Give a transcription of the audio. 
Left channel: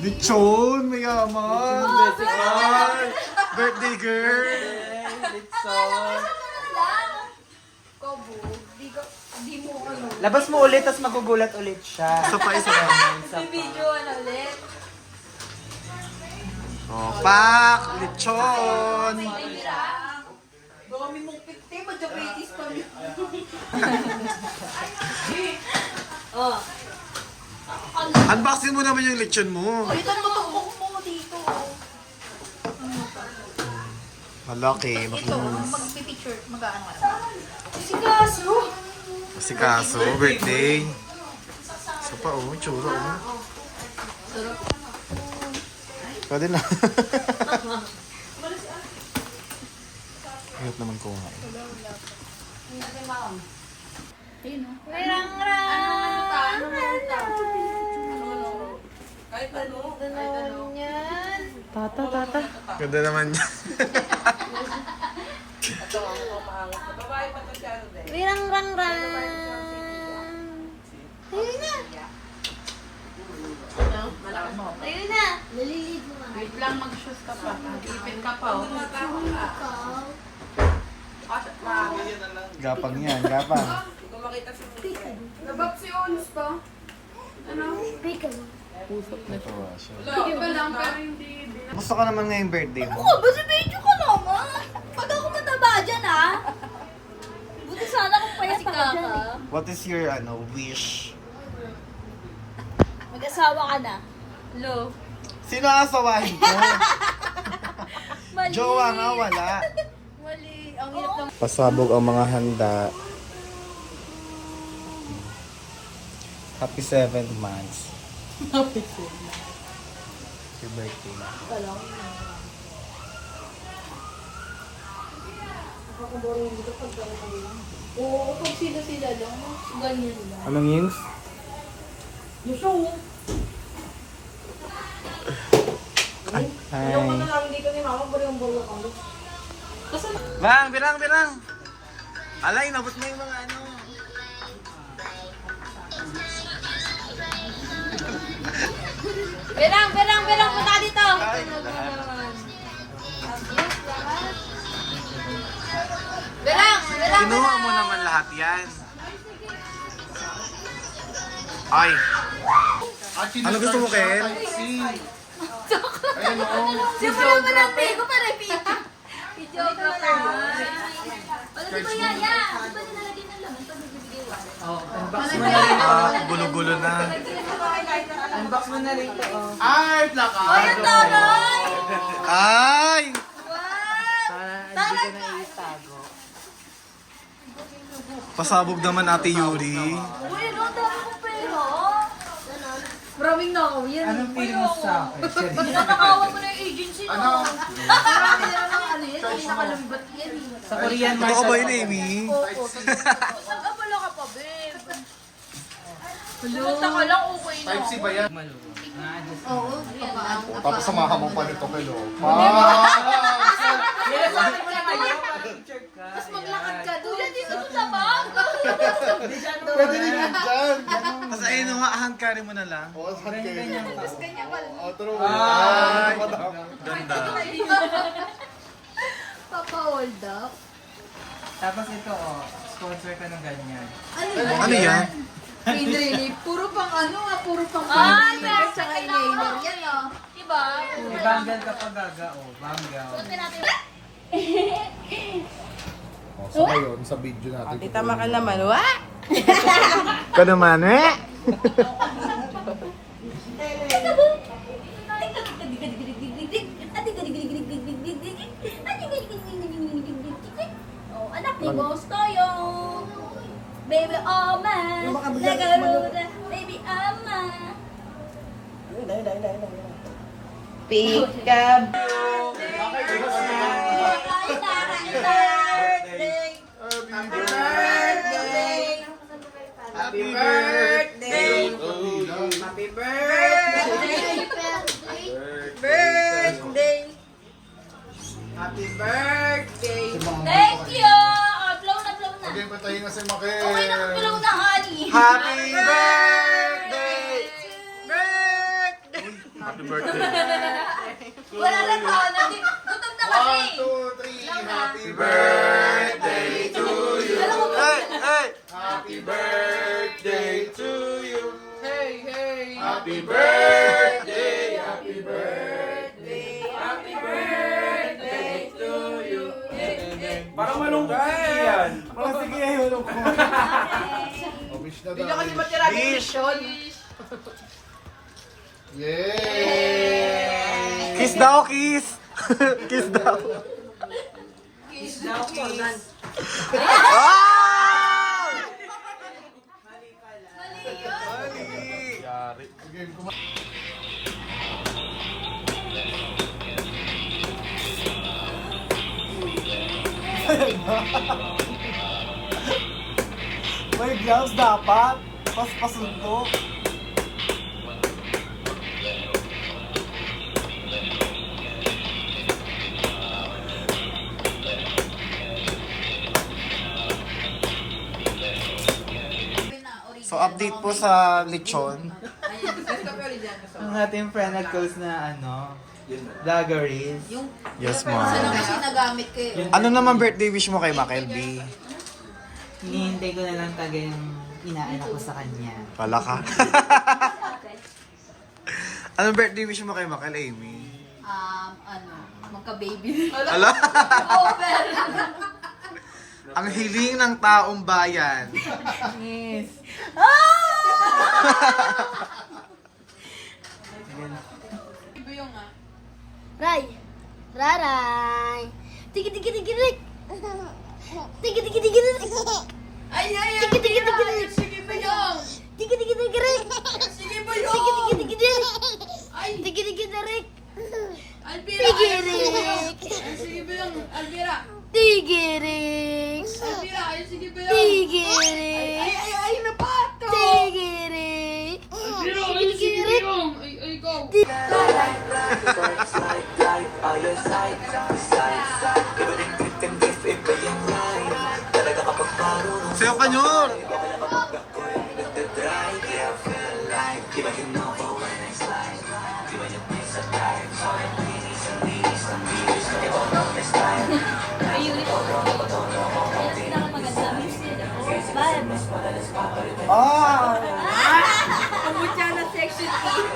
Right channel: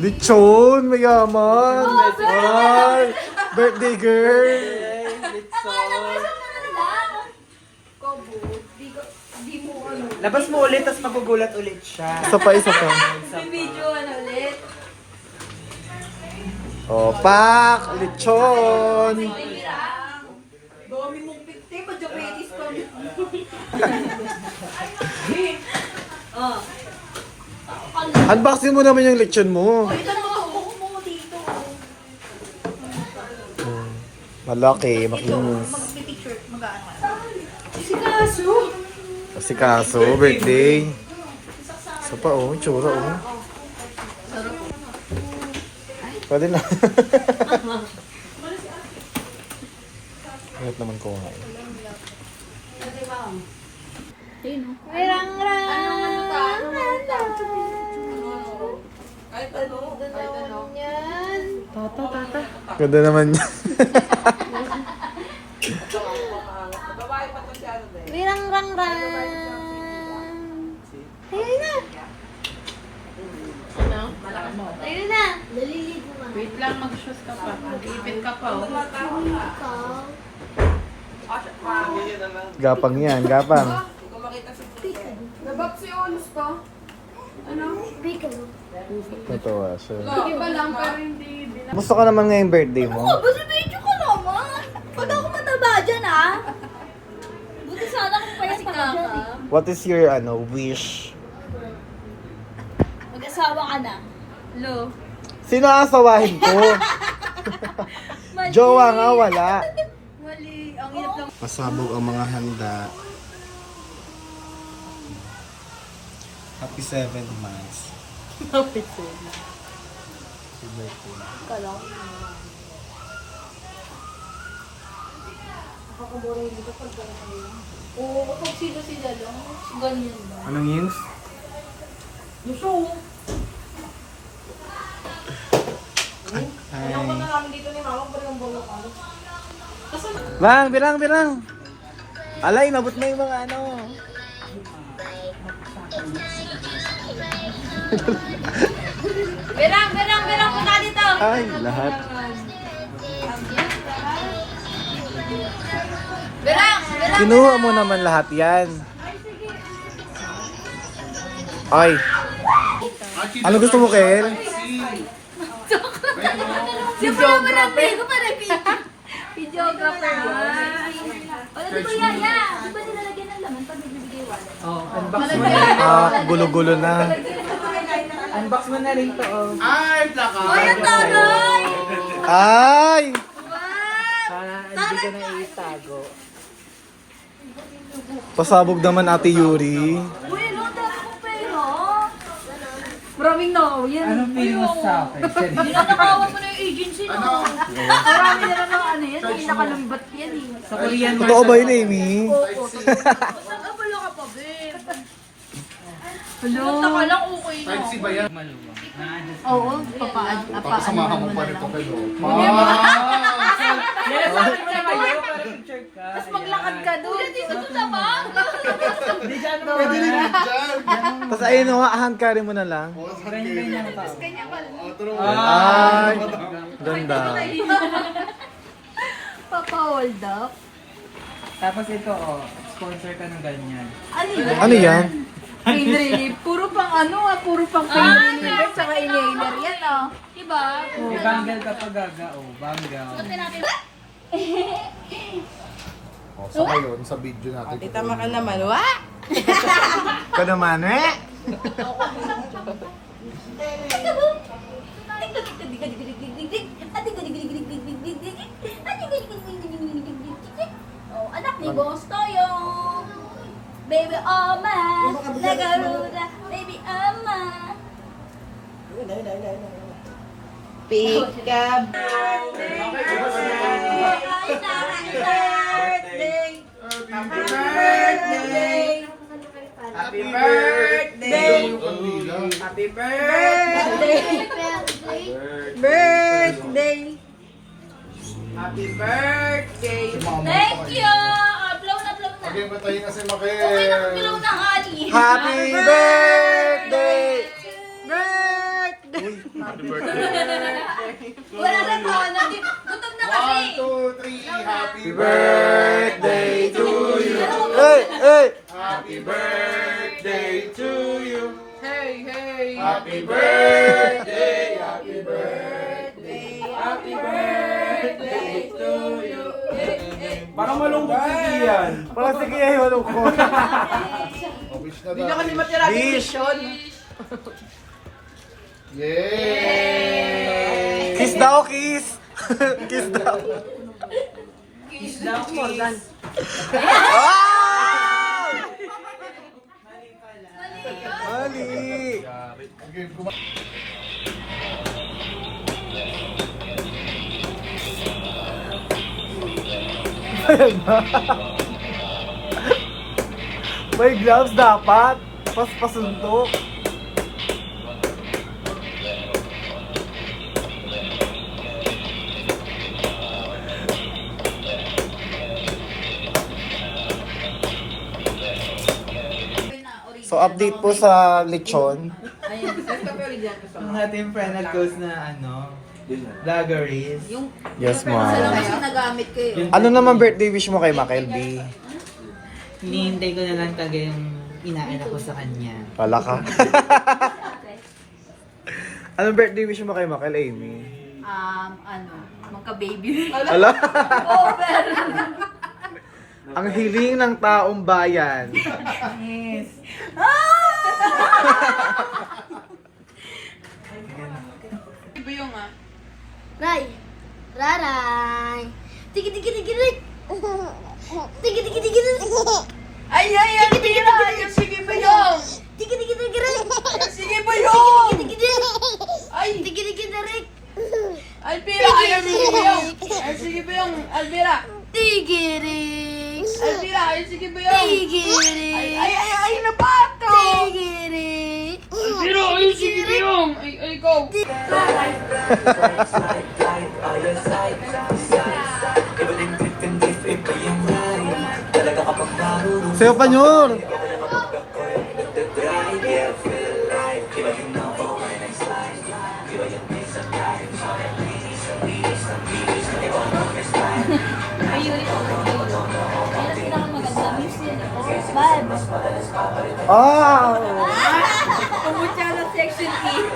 Lechon, mayaman. Ay, birthday girl. Lechon. Labas mo ulit, tapos magugulat ulit siya. Isa pa, isa pa. Video ulit. Oh, pak, lechon. Dami mong pikti, ma-diabetes ka. Oh. Unboxing mo naman yung lechon mo. Ito na mo dito. Malaki, makinis. Mag-picture, mag-aana. Si Kaso. Kasi kaso, birthday. Isa pa, oh, tsura, oh. Pwede na. Ingat naman ko nga. Kahit ano. Tata. Ganda naman yan. Wirang rang rang. Ayun na. Ayun na. Lalilid mo. Wait lang, mag-shoes ka pa. Mag-ipit ka pa. Oh. Gapang yan, gapang. Nabab si Onos to. Ano? Piccolo. Natuwa siya. Iba lang, pero hindi. Gusto ka naman ngayong birthday mo? Oh, basta medyo ka naman. Pag ako mataba dyan, ha? Buti sana kung payat ako dyan, eh. What is your, wish? Mag-asawa ka na. Lo. Sino asawahin ko? Mali. Jowa nga, wala. Mali. Ang hirap lang. Pasabog ang mga handa. Happy 7 months. Happy Happy birthday na. Oo, pag sila lang. Ganyan lang. Anong news? Gusto. Hi. Namin dito ni Mama, pero yung bawal ko. Birang. Alay, nabot na yung mga ano. Birang, punta dito. Ay, lahat. Birang. Kinuha mo naman lahat yan. Ay. Ano gusto mo, Kel? Siyempre naman ang pigo para piki. Video ka na. Wala di ba yan? Di ba nilalagyan ng laman pag bibigay wala? Oh, unbox. Gulo-gulo na. Unbox mo na rin to. Oh. Ay! Para hindi ka na itago. Pasabog naman, Ate Yuri. Uy, no, dala ko pera. Maraming no. Yan. Anong feeling mo sa akin? Ninanakawan mo na yung agency, no? Marami na lang ano yan. Hindi nakalambat yan eh. Sa Korean na. Totoo ba yun, Amy? Nag-abala ka pa, Ben. Hello. Punta ka lang, okay na. Maluwang. Na-adjust. Oo, papaan. Papasamahan mo pa nito kayo. Yes, sabi mo na kayo para picture ka. Tapos maglakad ka doon. Dito sa bag. Hindi siya ano Pwede rin yun dyan. Tapos ayun, hand carry mo na lang. Ganyan ka. Ay! Ganda. Papa-hold up. Tapos ito sponsor ka ng ganyan. Ano yan? Pain relief. Puro pang puro pang pain relief. Tsaka inhaler yan, oh. Diba? Banggal ka pag gaga, banggal. Sa ngayon, sa video natin. Tama ka naman, wa? Ka naman, eh? Oh, anak ni Boss Toyo. Baby Oma. Nagaruda. Baby Oma. Pick up. Happy birthday! Happy birthday! Birthday! Happy birthday! Thank you! Upload na. Okay, patayin na si Makel. Okay na, upload na, honey. Happy birthday! Wala na pa. Gutom na kasi. 1, 2, 3. Happy birthday to you. Hey, hey. Happy birthday to you. Hey, hey. Happy birthday. Happy birthday. Happy birthday to you. Baka malungkot yan. Parang sige ayaw ko. Oh, wish na daw. Wish. Yay! Kiss daw, kiss. Kiss daw. Kiss daw, kiss. Wow! Mali yun. Mali. Okay, May gloves dapat. Pasuntok. So update po sa lechon. Ang ating final close na vloggeries. Yes, ma'am. Kasi nagamit ko eh. Ano naman birthday wish mo kay Makel B? Hinihintay ko na lang talaga yung inaala ko sa kanya. Pala ka. Anong birthday wish mo kay Makel, Amy? Magka-baby. Ala? Over. Ang hiling ng taong bayan. Yes. Iba yung Ray. Raray. Tiki tiki tiki rik. Tiki tiki tiki rik. Ay, ang pira! Sige ba yung? Tiki tiki tiki rik. Sige ba yung? Tiki tiki rik. Ay, Tiki tiki rik. Alpira! Ay, sige ba yung? Ay, sige ba yung? Alpira! Tiki rik. Alpira! Ay, sige ba yung? Tiki rik. Ay, napato! Tiki rik. Alpira! Ay, sige ba yung? Ay, go! Sayo pa nyor! Bye. Ah! Pumunta na section E.